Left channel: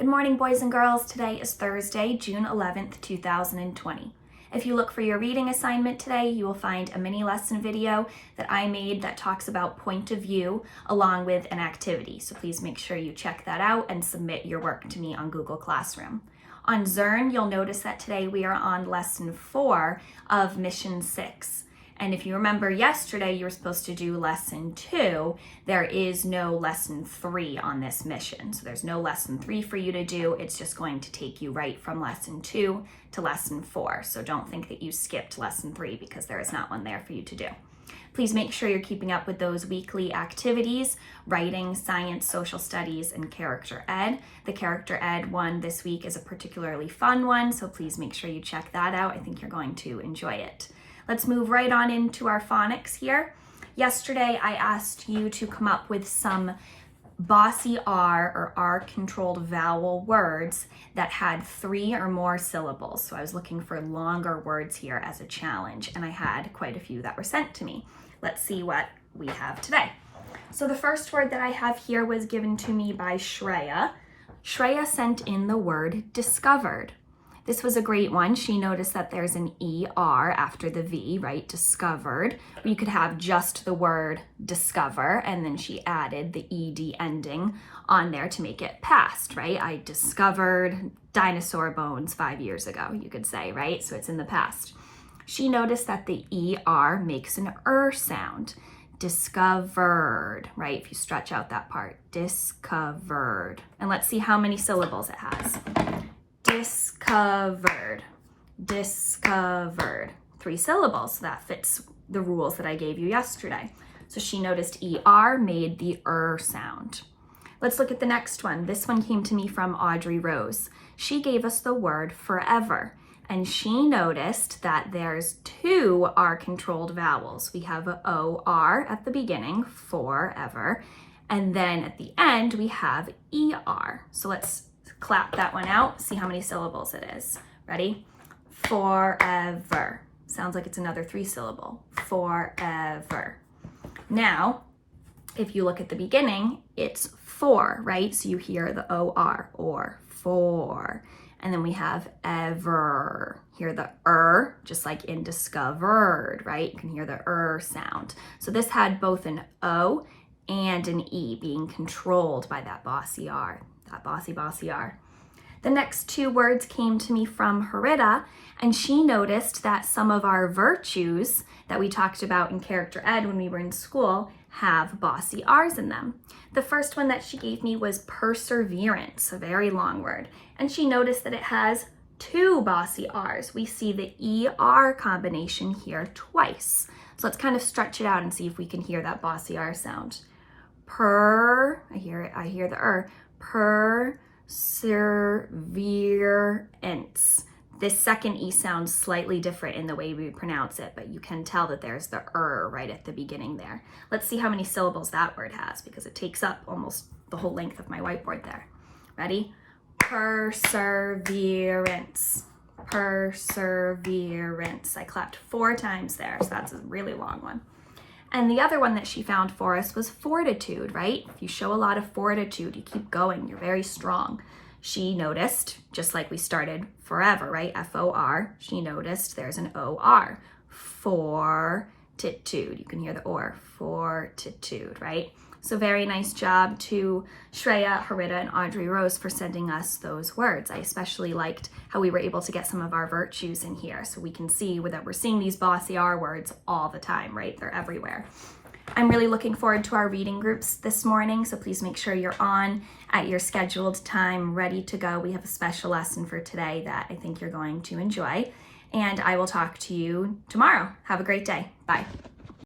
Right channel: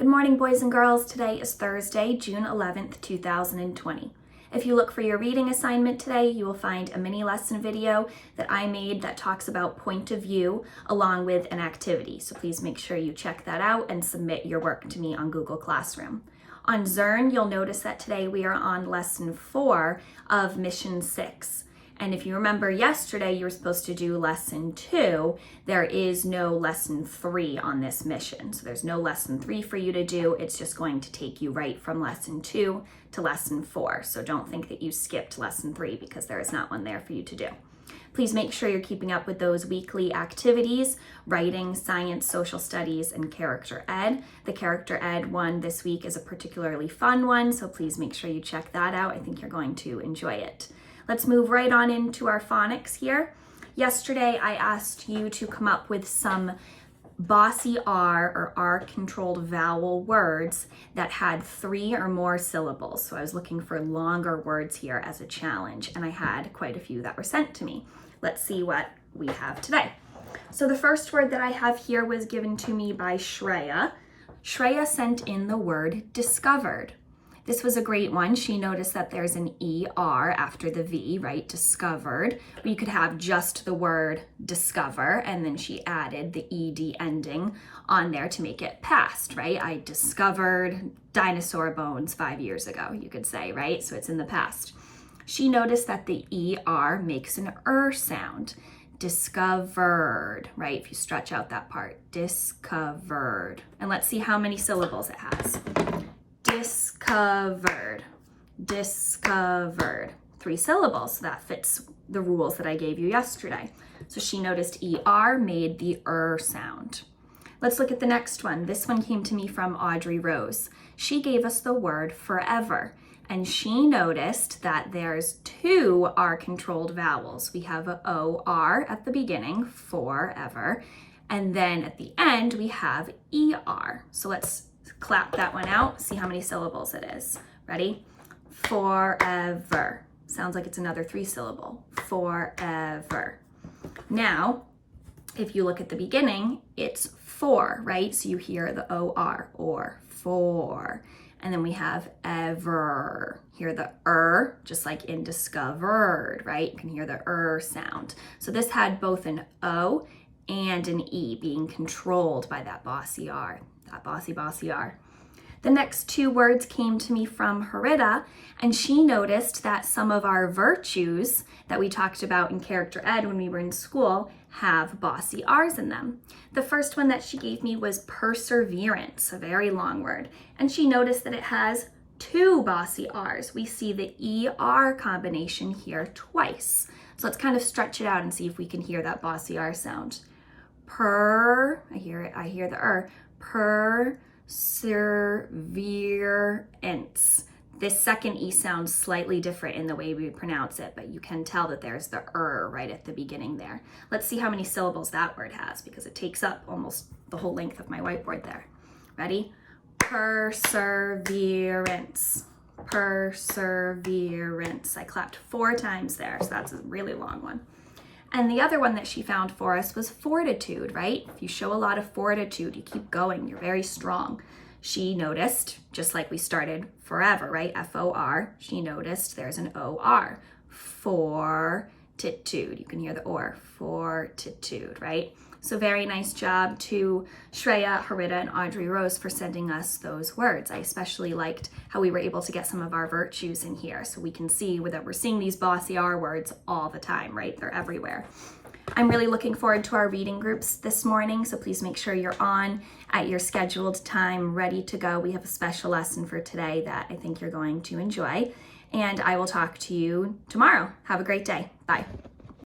Good morning, boys and girls. Today is Thursday, June 11th, 2020. If you look for your reading assignment today, you will find a mini lesson video that I made that talks about point of view along with an activity. So please make sure you check that out and submit your work to me on Google Classroom. On Zearn, you'll notice that today we are on lesson 4 of mission 6. And if you remember yesterday, you were supposed to do lesson 2. There is no lesson 3 on this mission. So there's no lesson 3 for you to do. It's just going to take you right from lesson 2 to lesson 4. So don't think that you skipped lesson 3 because there is not one there for you to do. Please make sure you're keeping up with those weekly activities: writing, science, social studies, and character ed. The character ed one this week is a particularly fun one, so please make sure you check that out. I think you're going to enjoy it. Let's move right on into our phonics here. Yesterday, I asked you to come up with some bossy R or R-controlled vowel words that had 3 or more syllables. So I was looking for longer words here as a challenge, and I had quite a few that were sent to me. Let's see what we have today. So the first word that I have here was given to me by Shreya. Shreya sent in the word discovered. This was a great one. She noticed that there's an ER after the V, right? Discovered. You could have just the word discover, and then she added the ED ending on there to make it past, right? I discovered dinosaur bones 5 years ago, you could say, right? So it's in the past. She noticed that the ER makes an sound. Discovered, right? If you stretch out that part, discovered. And let's see how many syllables it has. Discovered, discovered. 3 syllables. So that fits the rules that I gave you yesterday. So she noticed ER made the sound. Let's look at the next one. This one came to me from Audrey Rose. She gave us the word forever, and she noticed that there's 2 R-controlled vowels. We have a OR at the beginning, forever, and then at the end we have ER. So let's clap that one out, see how many syllables it is. Ready? Forever. Sounds like it's another 3 syllable. Forever. Now, if you look at the beginning, it's 4, right? So you hear the OR, or for. And then we have ever. Hear the just like in discovered, right? You can hear the sound. So this had both an O and an E being controlled by that bossy R. That bossy R. The next 2 words came to me from Harita, and she noticed that some of our virtues that we talked about in character ed when we were in school have bossy R's in them. The first one that she gave me was perseverance, a very long word, and she noticed that it has 2 bossy R's. We see the ER combination here twice. So let's kind of stretch it out and see if we can hear that bossy R sound. I hear the perseverance. This second E sounds slightly different in the way we pronounce it, but you can tell that there's the right at the beginning there. Let's see how many syllables that word has, because it takes up almost the whole length of my whiteboard there. Ready? Perseverance. Perseverance. I clapped 4 times there, so that's a really long one. And the other one that she found for us was fortitude, right? If you show a lot of fortitude, you keep going, you're very strong. She noticed, just like we started forever, right? F-O-R, she noticed there's an O-R. Fortitude. You can hear the or. Fortitude, right? So very nice job to Shreya, Harita, and Audrey Rose for sending us those words. I especially liked how we were able to get some of our virtues in here, so we can see that we're seeing these bossy R words all the time, right? They're everywhere. I'm really looking forward to our reading groups this morning, so please make sure you're on at your scheduled time, ready to go. We have a special lesson for today that I think you're going to enjoy, and I will talk to you tomorrow. Have a great day. Bye.